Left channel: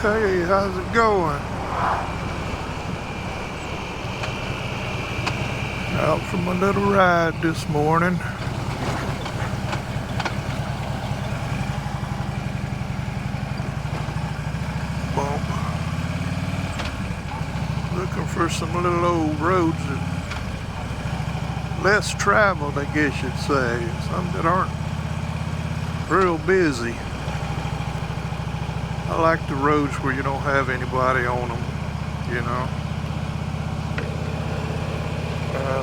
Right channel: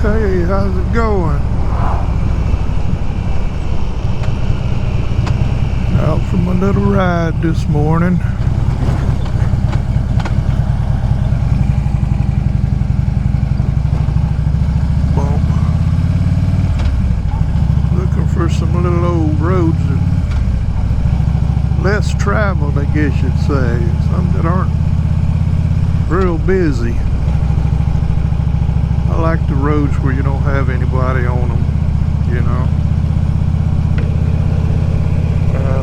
Hey, how's it going? Out for my little ride this morning. Bump. Looking for some little old roads that less traveled, I guess you'd say. Some that aren't real busy. I like the roads where you don't have anybody on them, you know.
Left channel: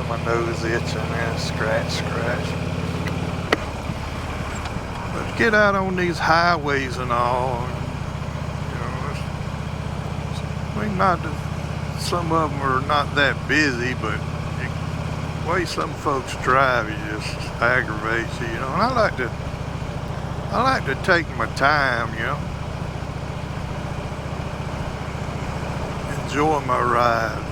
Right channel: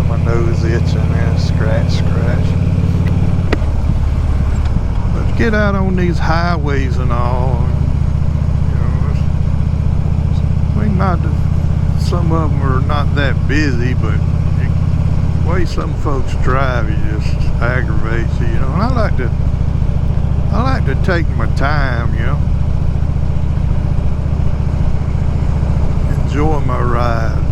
My nose itching there, scratch. But get out on these highways and all, you know, I mean, some of them are not that busy, but the way some folks drive, it just aggravates you, you know. And I like to take my time, you know. Enjoy my ride.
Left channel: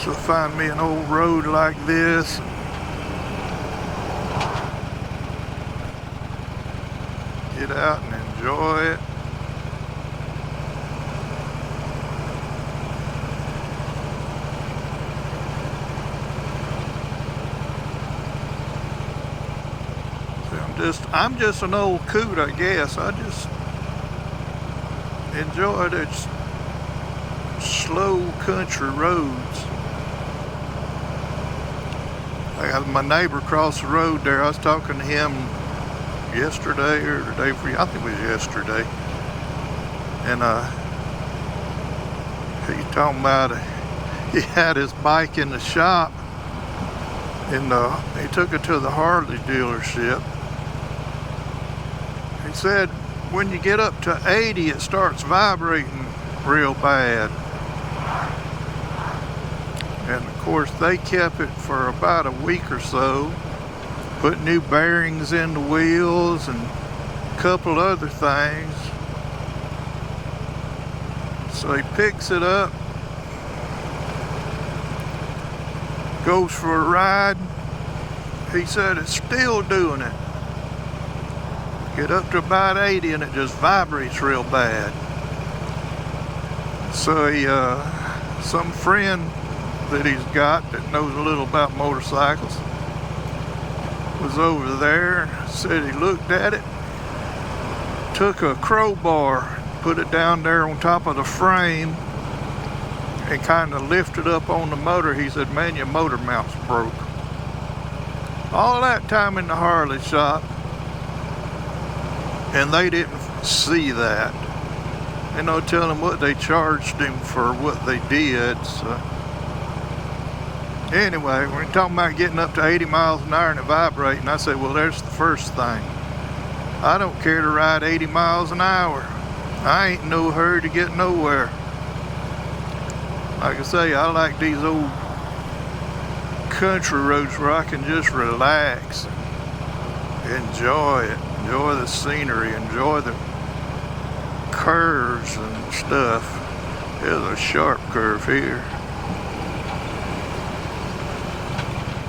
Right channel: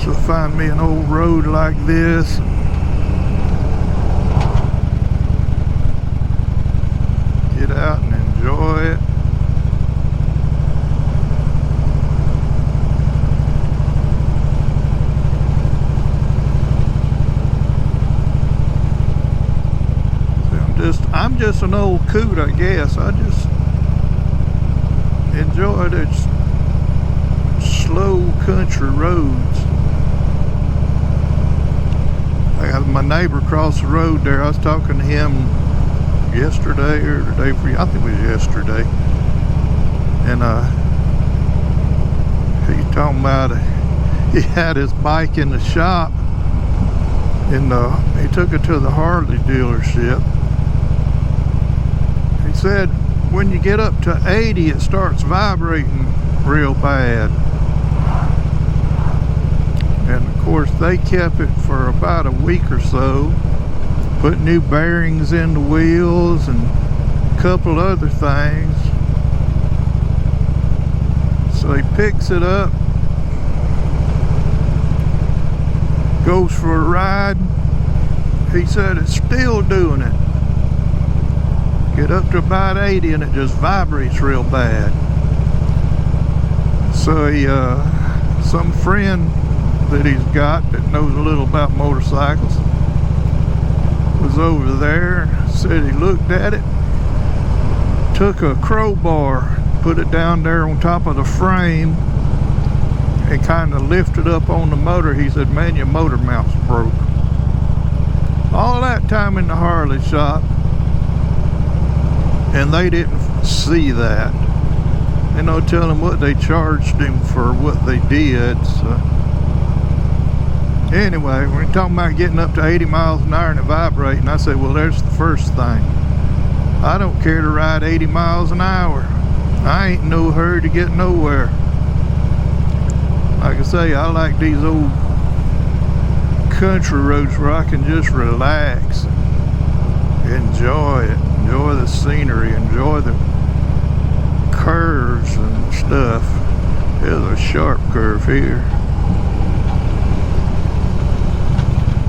So find me an old road like this. Get out and enjoy it. I'm just an old coot, I guess. I just enjoy the slow country roads. I got my neighbor across the road there. I was talking to him yesterday or the day before. I think it was yesterday. And he talking about he had his bike in the shop, and he took it to the Harley dealership. He said when you get up to 80, it starts vibrating real bad. And of course they kept it for about a week or so, put new bearings in the wheels and a couple other things. So he picks it up, goes for a ride. He said it's still doing it. Get up to about 80 and it just vibrates real bad. So he, some friend that he's got that knows a little about motorcycles was over there, said he looked at it, took a crowbar, put it down there on top of the frame and kind of lifted up on the motor. He said, man, your motor mount's broke. All that time in the Harley shop, and they didn't see that. And no telling what they charged him for what they did. So anyway, we're talking about getting up to 80 miles an hour and it vibrating. I said, well, there's the first thing. I don't care to ride 80 miles an hour. I ain't in no hurry to get nowhere. Like I say, I like these old country roads where I can just relax and enjoy it. Enjoy the scenery, enjoy the curves and stuff. There's a sharp curve here.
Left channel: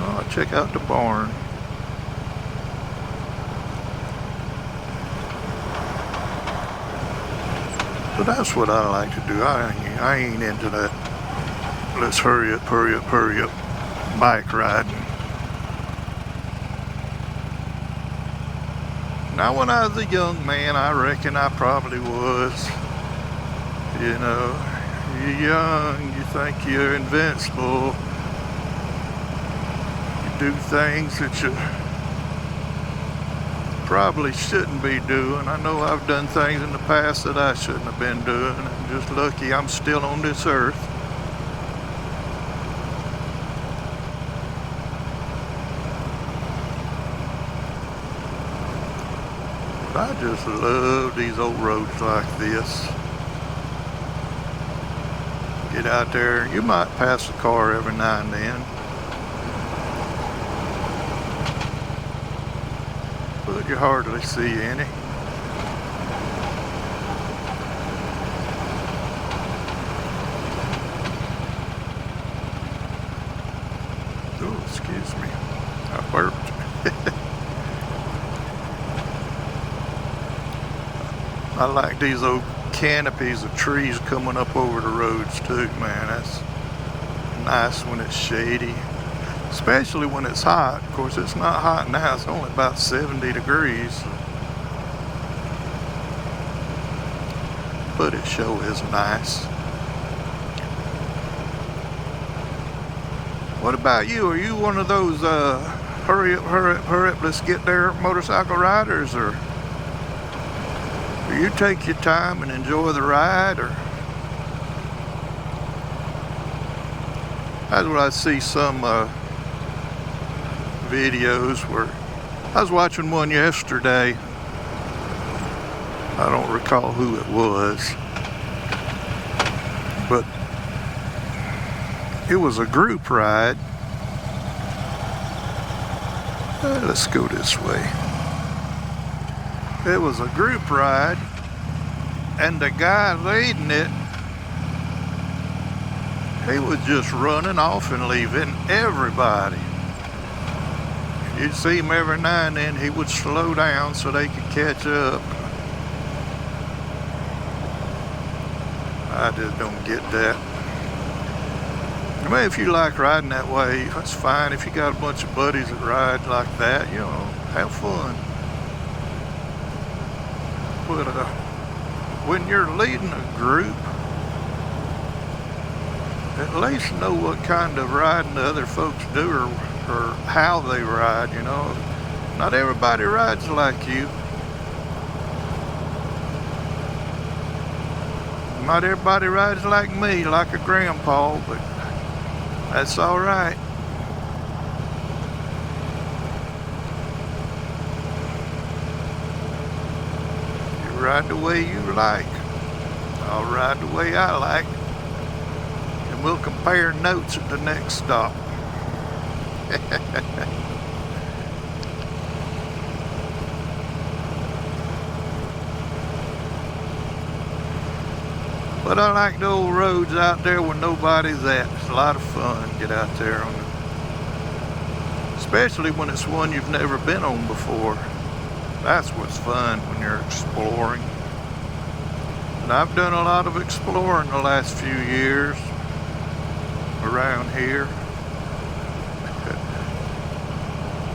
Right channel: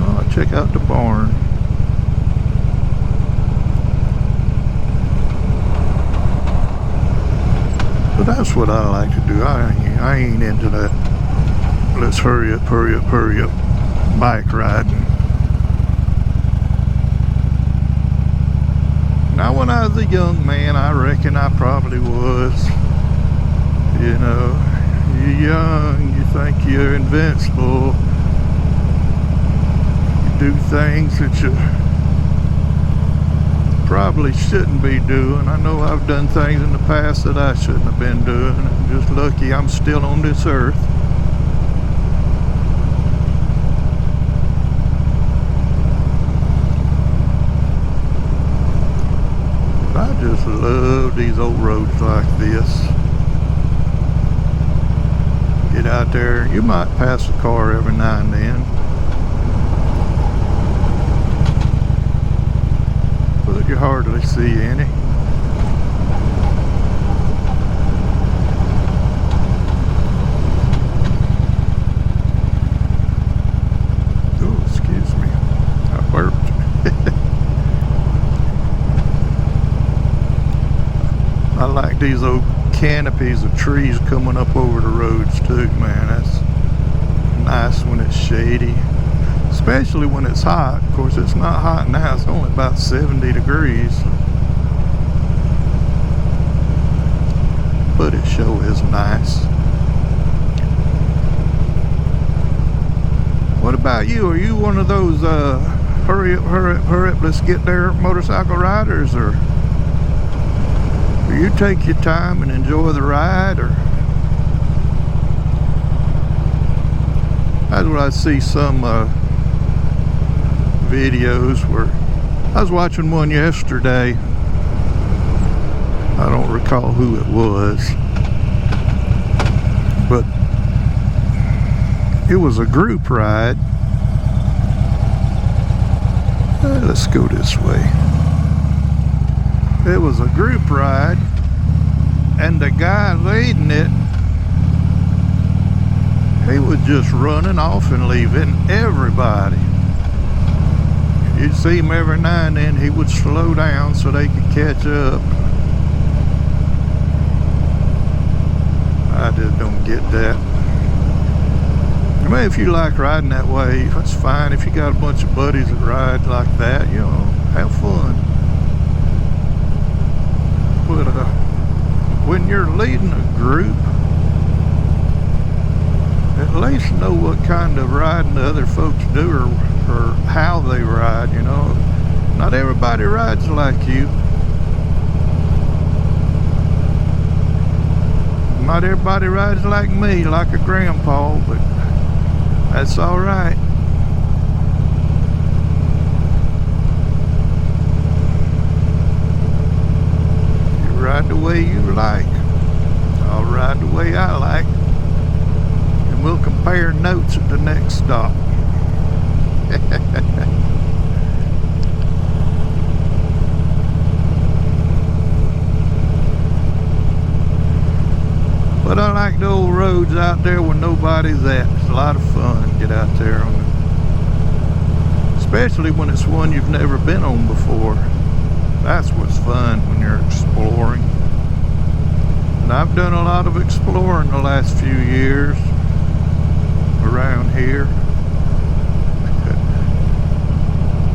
Oh, check out the barn. But that's what I like to do. I ain't into that let's hurry up bike riding. Now, when I was a young man, I reckon I probably was. You know, you're young, you think you're invincible. You do things that you probably shouldn't be doing. I know I've done things in the past that I shouldn't have been doing. I'm just lucky I'm still on this earth. I just love these old roads like this. Get out there, you might pass a car every now and then, but you hardly see any. Oh, excuse me, I burped. like these old canopies of trees coming up over the roads too, man. That's nice when it's shady, especially when it's hot. Of course, it's not hot now. It's only about 70 degrees. But it sure is nice. What about you? Are you one of those hurry up, let's get there motorcycle riders, or do you take your time and enjoy the ride? Or that's what I see some videos where I was watching one yesterday. I don't recall who it was, but it was a group ride. Let's go this way. It was a group ride, and the guy leading it, he was just running off and leaving everybody. You'd see him every now and then. He would slow down so they could catch up. I just don't get that. I mean, if you like riding that way, that's fine. If you got a bunch of buddies that ride like that, you know, have fun. But when you're leading a group, at least know what kind of riding the other folks do, or how they ride, you know. Not everybody rides like you. Not everybody rides like me, like a grandpa, but that's all right. You ride the way you like. I'll ride the way I like. And we'll compare notes at the next stop. But I like the old roads out there where nobody's at. It's a lot of fun to get out there on it. Especially when it's one you've never been on before. That's what's fun when you're exploring. And I've done a lot of exploring the last few years around here.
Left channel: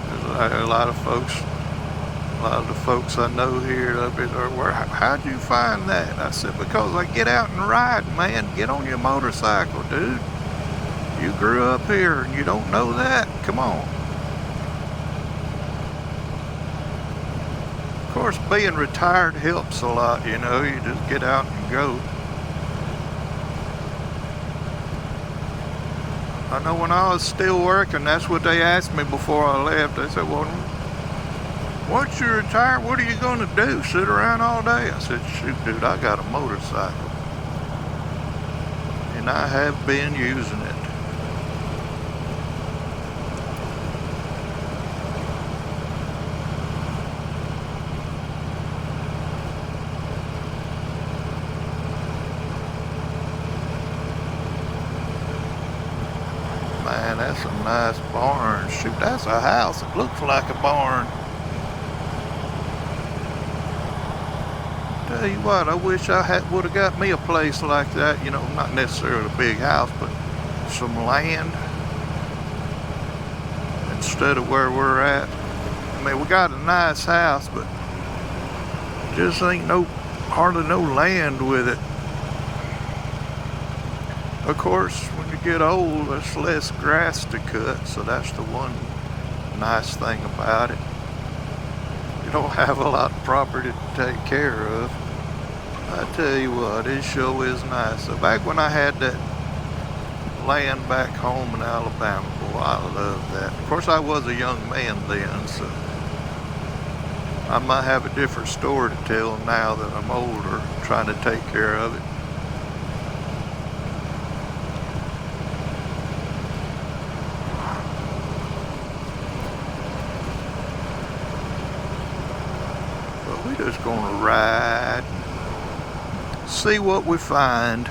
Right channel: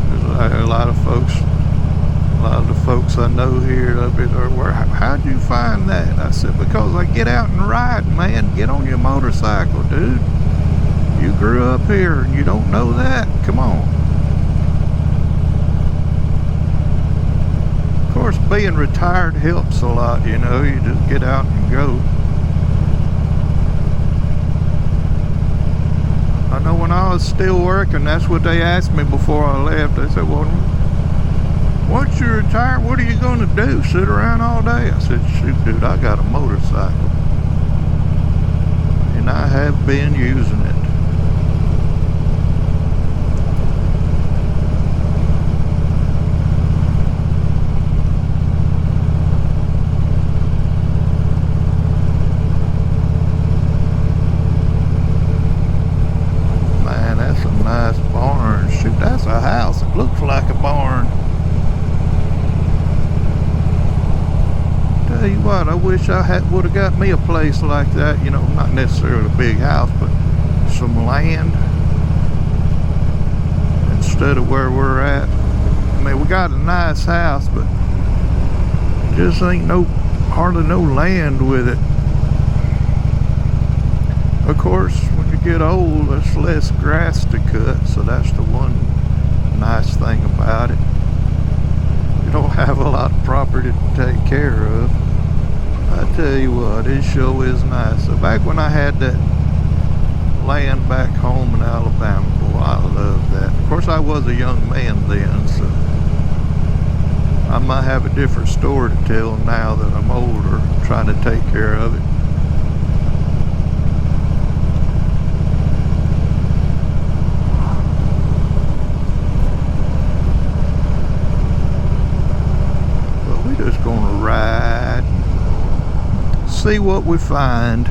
There's a lot of folks. A lot of the folks I know here, how'd you find that? I said, because I get out and ride, man. Get on your motorcycle, dude. You grew up here and you don't know that? Come on. Of course, being retired helps a lot, you know. You just get out and go. I know when I was still working, that's what they asked me before I left. They said, well, once you retire, what are you going to do? Sit around all day? I said, shoot, dude, I got a motorcycle. And I have been using it. Man, that's a nice barn. Shoot, that's a house. It looks like a barn. Tell you what, I wish I would have got me a place like that, you know, not necessarily a big house, but some land instead of where we're at. I mean, we got a nice house, but just ain't hardly no land with it. Of course, when you get old, there's less grass to cut, so that's the one nice thing about it. You don't have a lot of property to take care of. I tell you what, it sure is nice. So back when I had that land back home in Alabama, boy, I loved that. Of course, I was a young man then, so I might have a different story to tell now that I'm older, trying to take care of it. But we're just gonna ride, see what we find.